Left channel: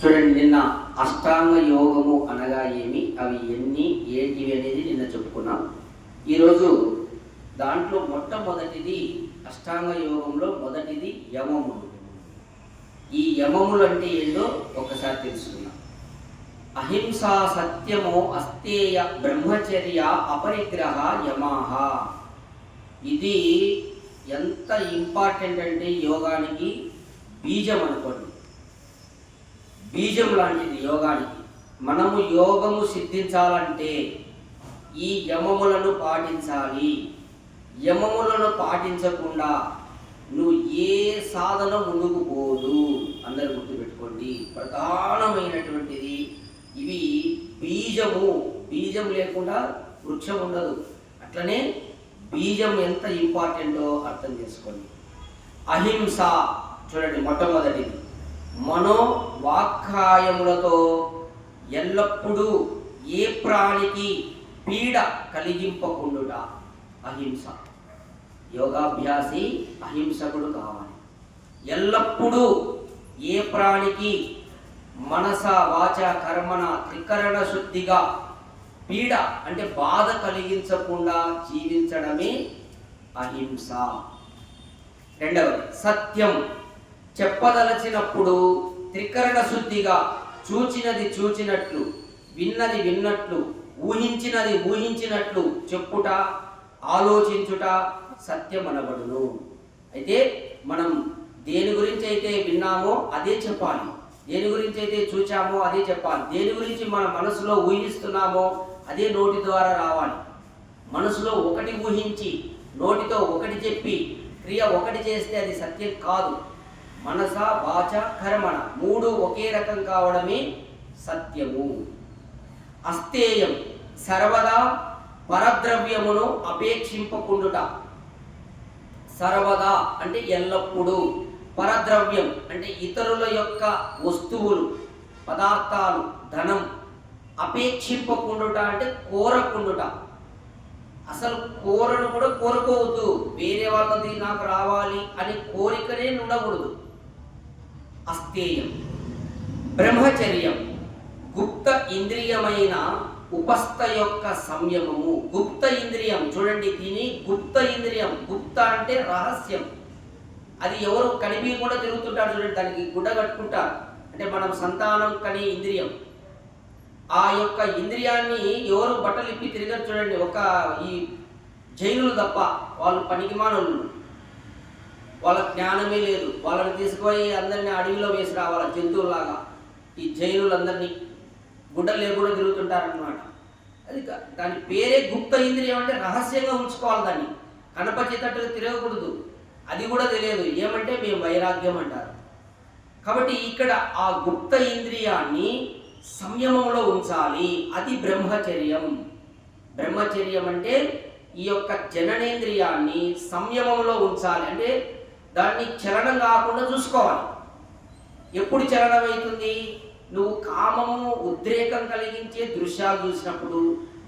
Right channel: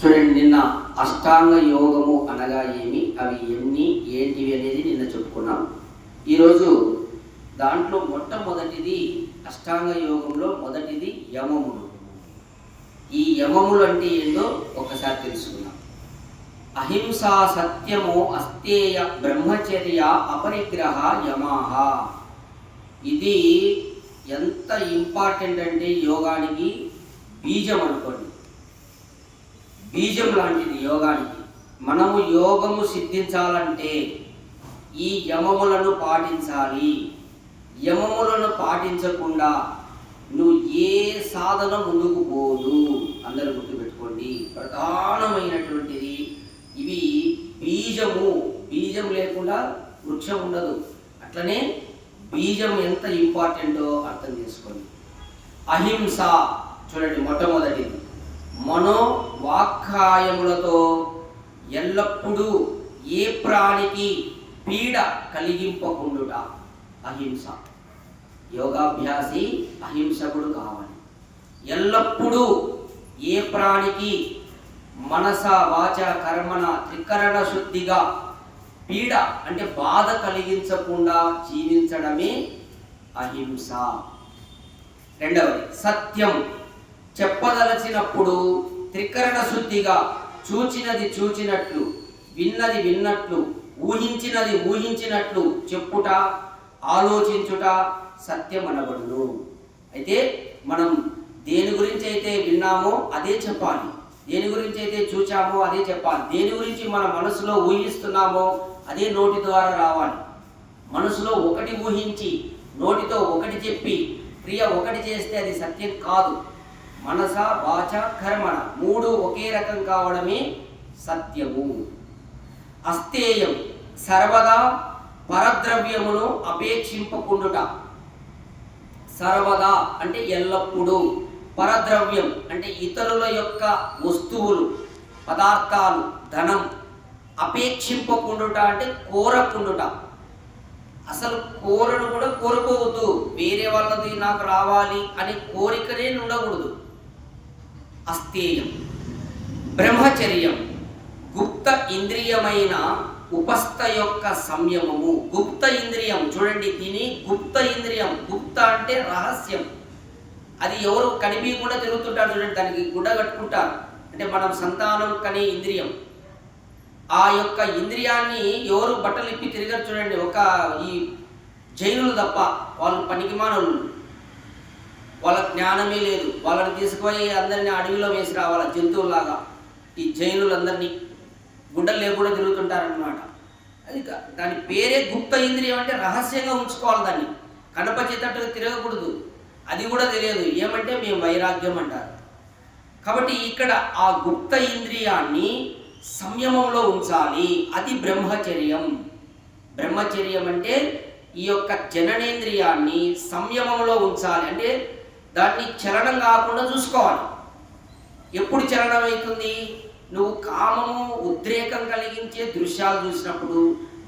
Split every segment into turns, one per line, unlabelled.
చూడండి నిన్న అష్టాంగ యోగము అనగా ఏమి? అవి ఎన్ని ఏంటివి అనేది నిన్న చెప్పుకున్నాం. ఈరోజు దాంట్లో మొట్టమొదటిది అష్టాంగ యోగంలో మొదటిది యమములు. ఈ యమములు అంటే ఏంటో ఒకసారి తెలుసుకుందాం. అహింస సత్యము అస్తేయ బ్రహ్మచర్య అపరిగ్రహ యమాహ. ఇది ఎంత ఇంపార్టెంట్ అంటే యోగానికి బీజం అనుకోండి. బీజం లాంటిది యోగానికి. మనము యోగము సిద్ధించాలంటే ఈ యమములను పాటించాలి. యమములను పాటించకుండా నువ్వు ఏ సాధన ముందుకు పోదు. అందరు గుర్తుపెట్టుకోండి. ప్రధానమైనటువంటిది ఇవి బీజము. బీజం లేకుండా వృక్షం ఉండదు. అట్లనే బీజం ఎంత ఇంపార్టెంటో అర్థం చేసుకోండి. అహింస చూడండి మొట్టమొదటిది. మనోవాక్కాయములతో ఎల్లప్పుడూ ఏ ప్రాణికి పీడ కలిగింపకుండుట అహింస. యోగాభ్యాసి అహింసకుడు కావాలి. ఎల్లప్పుడూ ఏ ప్రాణికి మనస వాచ కర్మణ త్రికరణ శుద్ధిగా పీడ అంటే బాధ కలిగించకుండా జీవించడమే అహింస. రెండవది సత్యం. చెప్పదలచినప్పుడు త్రికరణ శుద్ధిగా చూచినది చూచినట్లు విన్నది విన్నట్లు ఊహించినది ఊహించినట్లు చెప్పుట ఆలోచించుట సత్యం అనబడును అయితే మనం దేని గురించి అయితే విన్నామో అదే చెప్పాలి. దేని గురించి అయితే చూచామో అదే చెప్పాలి. దేని గురించి మన మనసులో ఊహిస్తున్నామో అదే నోటి ద్వారా రావాలి. మనసులో ఒకటి ఊహించి నోటితో ఒకటి చెప్పి క్రియ ఒకటి చేస్తే అది సత్యం కాదు. మనస వాచ కర్మణ మూడు ఒకే రకం కావడమే సత్యము. అస్తేయం సర్వదా పరద్రవ్యమును అపేక్షింపకుండుట. సర్వదా అంటే ఎల్లప్పుడూ. పరద్రవ్యం అంటే ఇతరుల యొక్క వస్తువులు పదార్థాలు ధనం అపేక్షింపకుండుట అంటే కోరకుండుట. అసలు కోరను కూడా కోరుకోవద్దు. వేరే వాళ్ళది నాకు రావాలి అని కోరికనే ఉండకూడదు అస్థేయం. బ్రహ్మచర్యం. గుప్త ఇంద్రియమైన ఉపస్థ యొక్క సంయమము. గుప్త ఇంద్రియం. చూడండి దీని గుప్త ఇంద్రియం. గుప్త అంటే రహస్యం. అది ఎవరు కనిపించకుండా తిరుగుతుంటారు చూడండి దానికి గుడ్డ కట్టుకుంటారు. అంటే మనం సంతానం కనే ఇంద్రియం. ఆ యొక్క ఇంద్రియాన్ని ఎవరు బట్టలు ఇప్పి తిరగరు చూడండి ఒక ఈ జైనులు తప్ప వాళ్ళు పనికిమానులు వాళ్ళ జ్ఞానమే లేదు. వాళ్ళని తీసుకుపోయి అందరిని అడవిలో వేసి రావాల జంతువులాగా ఈ జైనులందరినీ గుడ్డలు లేకుండా తిరుగుతుంటారన్నమాట. అది దాని పేరే గుప్త ఇంద్రియం అంటే రహస్యంగా ఉంచుకోవాలి దాన్ని. కనపచేటట్టుగా తిరగకూడదు. అది కూడా తెలియదు. ఏమంటే మేము వైరాగ్యం అంటారు. కాబట్టి ఇక్కడ ఆ గుప్త ఇంద్రియాన్ని సంయమంలో ఉంచాలి. అది బ్రహ్మచర్యం. బ్రహ్మచర్యం అంటే ఈ యొక్క జననేంద్రియాన్ని సంయమంలో ఉంచాలి. అంటే దాన్ని చలనం కాకుండా చూసుకోవాలి. ఎప్పుడు చలనం అవుతుంది నువ్వు కామము ఉద్రేకం కలిగించే దృశ్యాలు చూసినప్పుడు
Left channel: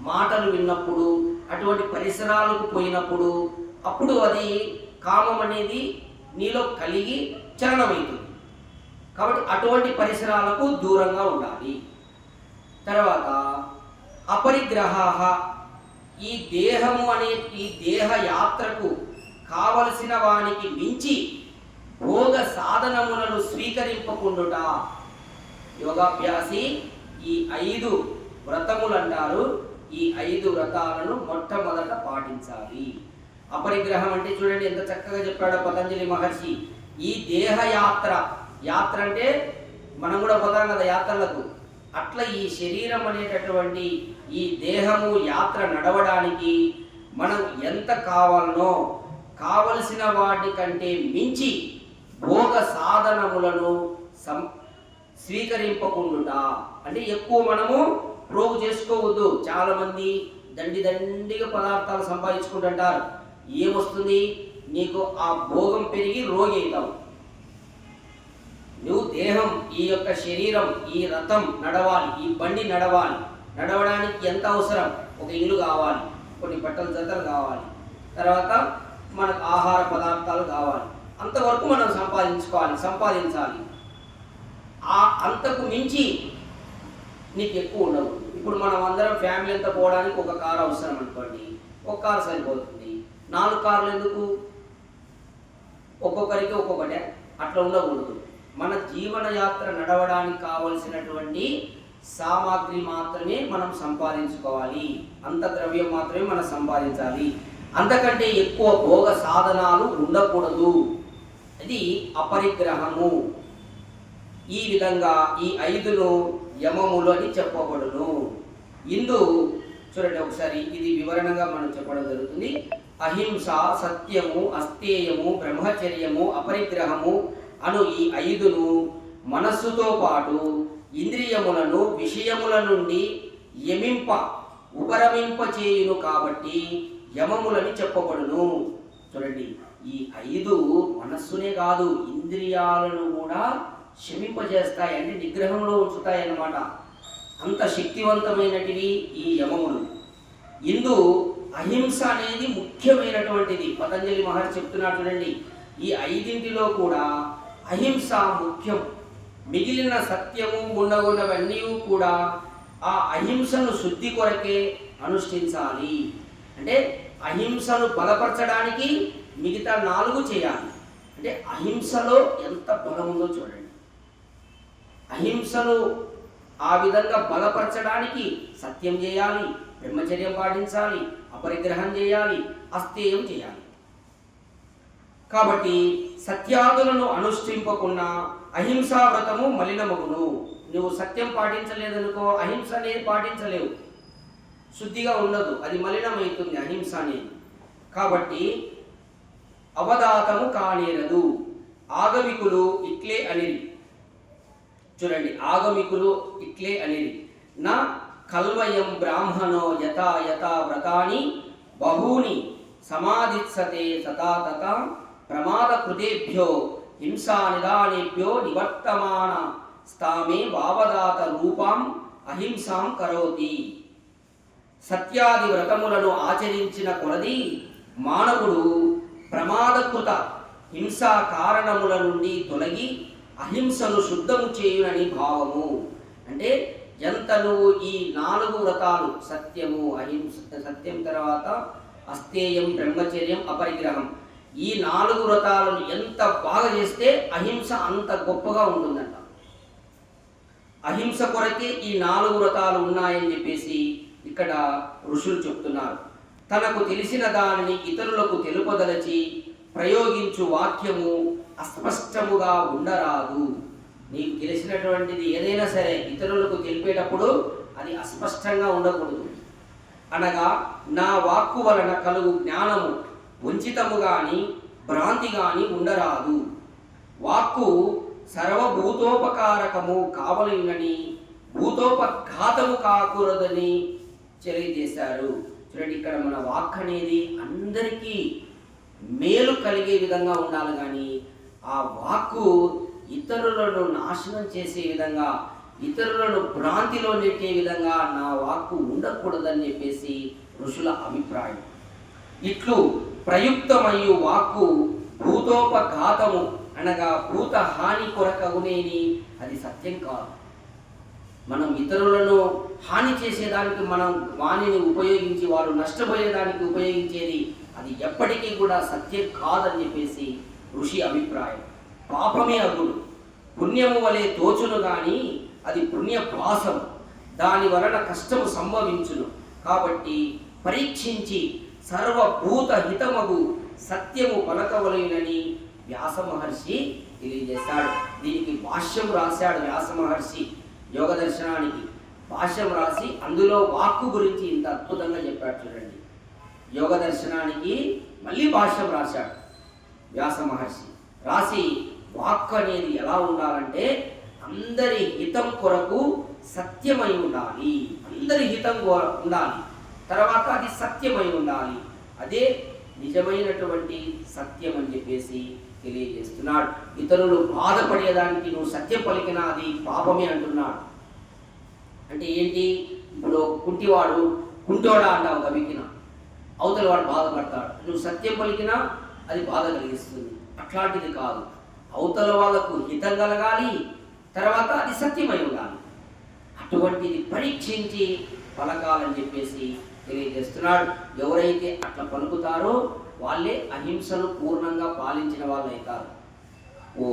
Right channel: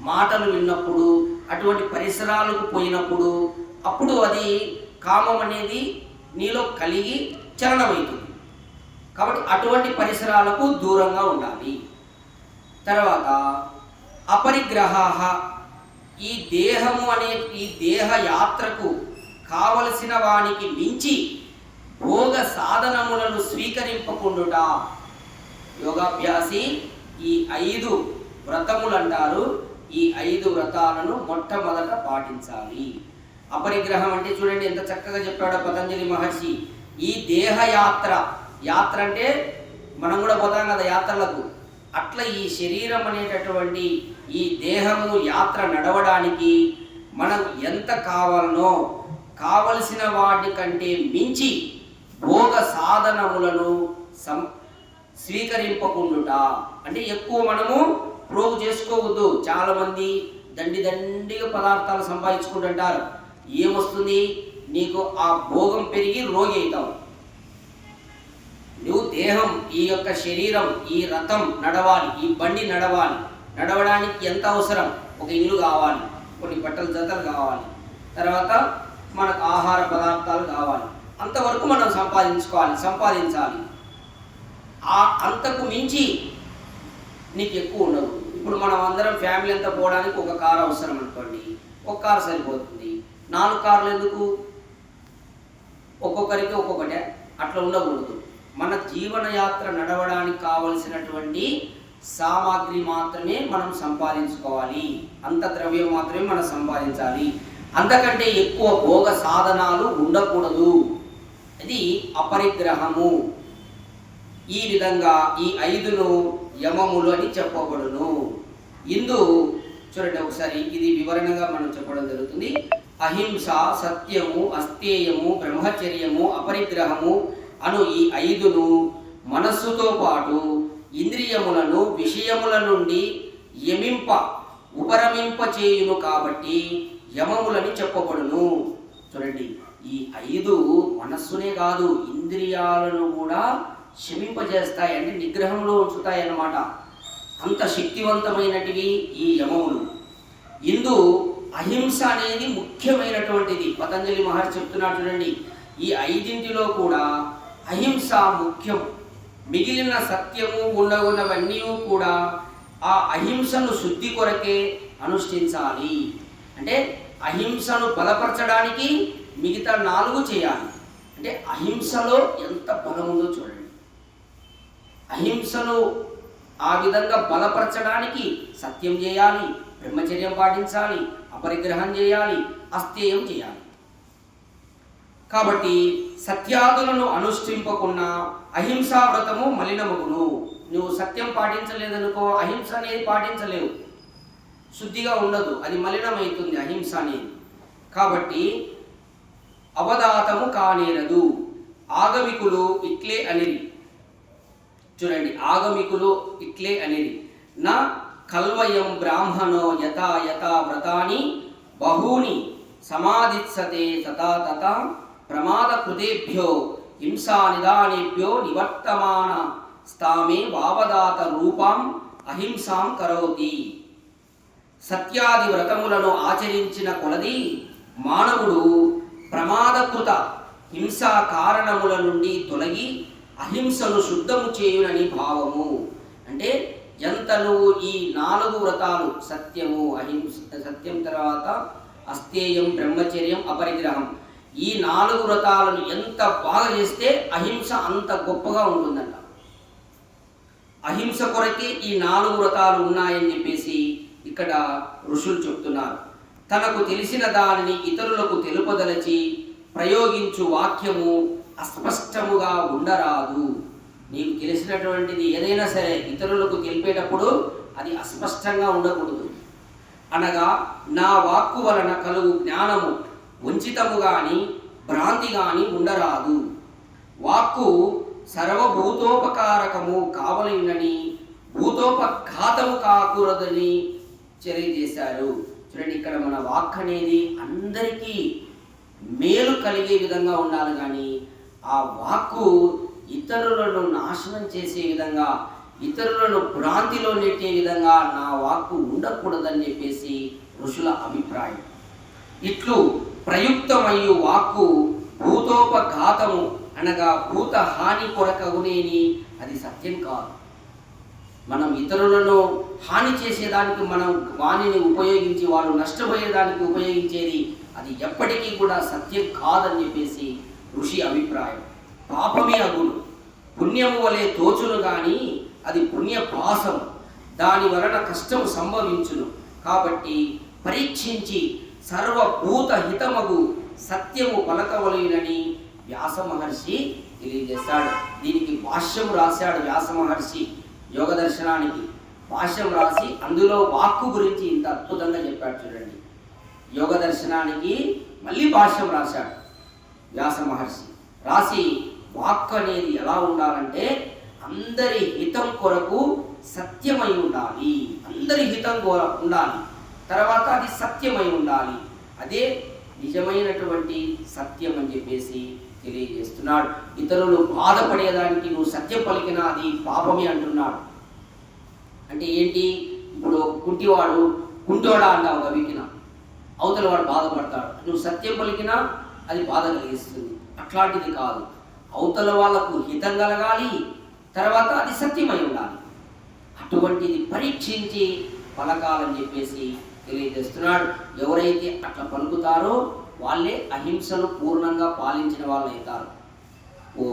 మాటలు విన్నప్పుడు అటువంటి పరిసరాలకు పోయినప్పుడు అప్పుడు అది కామం అనేది నీలో కలిగి చలనమవుతుంది. కాబట్టి అటువంటి పరిసరాలకు దూరంగా ఉండాలి. తర్వాత అపరిగ్రహ ఈ దేహము అనే ఈ దేహ యాత్రకు కావలసిన వానికి మించి భోగ సాధనములను స్వీకరింపకుండుట. యోగాభ్యాసి ఈ ఐదు వ్రతములు అంటారు ఈ ఐదు వ్రతాలను మొట్టమొదట పాటించాలి. అపరిగ్రహం అంటే చూడండి ఎంత చక్కగా చెప్పాడో పతంజలి మహర్షి. ఈ దేహయాత్ర యాత్ర అంటే మనం కూడా పోతాం కదా యాత్రలకు. అట్లా ఈ శరీరం అనేటటువంటి ఈ దేహము యాత్ర నడవడానికి మనం ఎంత కావాలనో కావలసిన వాటి కంటే మించి భోగ సాధనములను సం స్వీకరింపకుండుట. అంటే ఎక్కువ మనము ప్రోగు చేసుకోవద్దు. చాలామంది దండి దండిగా పదార్థాలు సంపాదించుకుంటుంటారు. ఏమొస్తుంది నీకు ఆ భోగం పెరిగి రోగి అవుతావు. నువ్వు దేహం ఈ యొక్క శరీరం ఈ రథం నడవాలి ఈ బండి నడవాలి. నడవడానికి ఎంత అవసరం? ఒక ఇల్లు కావాలి కొన్ని బట్టల జతలు కావాలి. తర్వాత మనకు ఆహార పదార్థాలు కావాలి. అంతవరకు మనం సంపాదించుకోవాలి సంపాదించాలి. ఆ అంతకు మించి నీకు ఎక్కువ ఉండవు ఇప్పుడు మనం అందరం ఫ్యామిలీ అంతా పోవడానికి ఒక కారు అవసరం అనుకోండి. ఒక కారు సరిపోతుంది. నాలుగు కార్లు ఎందుకు? ఒక్కొక్కరికి ఒక్కొక్కటే. అట్లా ఉండకూడదు. మన జీవనయాత్ర నడవడానికి కావలసినటువంటి సామాగ్రి మాత్రమే మనం సంపాదించుకోవాలి. అంత ద్రవ్యం మాత్రమే మనం సంపాదించాలి. అంతకంటే ఎక్కువ భోగ సాధనాలు ఉండకూడదు. ఇది అపరిగ్రహము. ఈ విధంగా ఈ ఐదును యమములు అని చెప్పబడును. ఇందు చూడండి ఒకసారి ఇది వివరణగా మనం చెప్పడం జరుగుతుంది. అహింస సత్యము అస్థేయము బ్రహ్మచర్యము అపరిగ్రహము అను ఈ ఐదును మనస్సుతో పాటు ఇంద్రియములను విషయముల నుండి యమింప ఉపరమింప చేయును కాబట్టి యమములని చెప్పబడును. చూడండి ఈ ఐదు మనస్సునే కాదు ఇంద్రియాలను కూడా శమింపజేస్తాయి అంటే నిగ్రహంలో ఉంచుతాయి అన్నమాట అంత శక్తివంతమైనటివి ఈ యమములు. ఇందు అహింస అనేది ముఖ్యమైనటువంటిది. పతంజలి మహర్షి చెప్తున్నాడు చూడండి ఈ ఐదింటిలో కూడా అహింస ముఖ్యం. మిగిలిన సత్యము ఉండగున్నవన్నీ కూడా ఆ అహింసను శుద్ధి కొరకే అనుష్ఠించాలి. అంటే అహింసను బలపరచడానికి మిగతా నాలుగు చేయాలి. అంటే అహింసలో ఎంత బలం ఉందో చూడండి. అహింసను ఆ విధంగా బలపరచడానికి సత్యం చేయాలి బ్రహ్మచర్యం పాటించాలి అపరిగ్రహం చేయాలి అస్థేయం చేయాలి. కాబట్టి సత్యాదులను అనుష్ఠింపకుండా అహింసా వ్రతము మలినమగును. నువ్వు సత్యం పాటించలేదనుకో అహింస అనేది పాటించలేవు. శుద్ధిగా ఉండదు అది మలినమవుతుంది అహింస అనేది. కాబట్టి అవధాతము కానేరదు. ఆగమికులు ఇట్లే అనిరి. చూడండి ఆగమికులు ఇట్లే అనిరి. నా కల్వయం బ్రాహ్మణో యథా యథా వ్రతాని బహూని సమాధిత్సతే తథా తథా ప్రమాద కృతేభ్యో హింసా నిదానేభ్యో నివర్తమాన స్థామే వావదాత రూపాం అహింసాం కరోతి. సత్యాది వ్రతములను ఆచరించిన కొలది మానవుడు ప్రమాదకృత హింసా కారణముల నుండి తొలగి అహింసను శుద్ధము చేయునని భావము. అంటే ఎంత నువ్వు ఈ నాలుగు వ్రతాలు సత్యము అహింస సత్యం తర్వాత అస్థేయం బ్రహ్మచర్యం అపరిగ్రహం ఈ నాలుగు వ్రతాలను ఎంత బాగా చేస్తే అహింస అంత గొప్పగా ఉంటుందంట. అహింస కొరకే ఈ నాలుగు వ్రతాలు ఉన్నాయని చెప్పేసి ఇక్కడ ఋషులు చెప్తున్నారు. తనకు తెలిసిన దానిని ఇతరులకు తెలుపదలచి ప్రయోగించు వాక్యము అస్పష్టముగా ఉండరాదు. నీకు తెలిసినటువంటిది ఏదైనా సరే ఇతరులకు తెలిపేటప్పుడు అది అస్పష్టంగా ఉండకూడదు. అనగా నా వాక్కు వలన కలుగు జ్ఞానము వంచితము కానీ భ్రాంతి కానీ ఉండరాదు. వాక్కు సర్వభూతోపకారకము కావలనని భూతోపఘాతము కాకూడదని తెలియజేశారు. చూడండి ఇక్కడ మన వాక్ అనేది అందరికీ మేలు కలిగే విధంగా ఉండాలి కానీ ఆ వాక్కు ఇతరులను నాశనం చేసే విధంగా ఇతరులను భ్రాంతిలో నెట్టే విధంగా నా వాక్కు ఉండకూడదని చెప్పేసి ఋషుల అభిప్రాయం. ఇట్లు ప్రయుక్తమయ్యు వాక్కు భూతోపఘాతము అనగా భూత హాని కొరకగునేని అది సత్యం కాదు. మనం ఇతరులను హాని చేసేదానికి మనం వాణిని ఉపయోగించి వారు నష్టపోయేదానికి ఉపయోగించేది అది ఎప్పటికీ కూడా సత్యం కాదని చెప్పేసి ఋషి అభిప్రాయం. పాపమే అగులు పుణ్యము వలె తోచును కానీ అది పుణ్యపాసం దాని వలన కష్టము సంభవించును. కాబట్టి పరీక్షించి సర్వభూత హితమగు సత్యము పలకవలయునని వ్యాస మహర్షి తెలియజేశాడు. దీనికి భాష్యం రాశాడు వ్యాస మహర్షి. యోగ దర్శనానికి భాష్యం రాసి అందులో వాక్కు గురించి ఇంత అద్భుతంగా చెప్పాడు చూడండి. యోగ దర్శనానికి మళ్ళీ భాష్యం రాశాడు వ్యాస మహర్షి. రాసి వాక్కు అనేది ఎలా ఉండాలంటే అందరి హితం కొరకు సత్యమై ఉండాలి. అందరి హితం ఉండాలి. తర్వాత అది సత్యమై ఉండాలి. అదే నిజమైనటువంటి సత్యం అని చెప్పేసి తెలియజేస్తున్నాడు. ఇతరులు బాధపడేదానికి నువ్వు సత్యం పలికినా అది పాపమే అంటున్నాడు. అంటే ఏంటి? ఇప్పుడు కుంటివాడు కుంటోడా అంటావు గవికిన. అవతల వాడు బాధపడతాడు. నువ్వు సత్యం పలికినా అది బాధ కలిగిస్తుంది. అట్లాంటిది కాదు. అవతల వాళ్ళకు హితం కలగాలి తర్వాత అది సత్యమై ఉండాలి. అటువంటిది పరీక్షించి పలకాలని చెప్పేసి తెలియజేస్తున్నాడు. ఎవరైతే అట్లా పలుకుతారో వాళ్ళే అహింసను పూర్ణంగా పాలించిన వాళ్ళు అవుతారు ఓ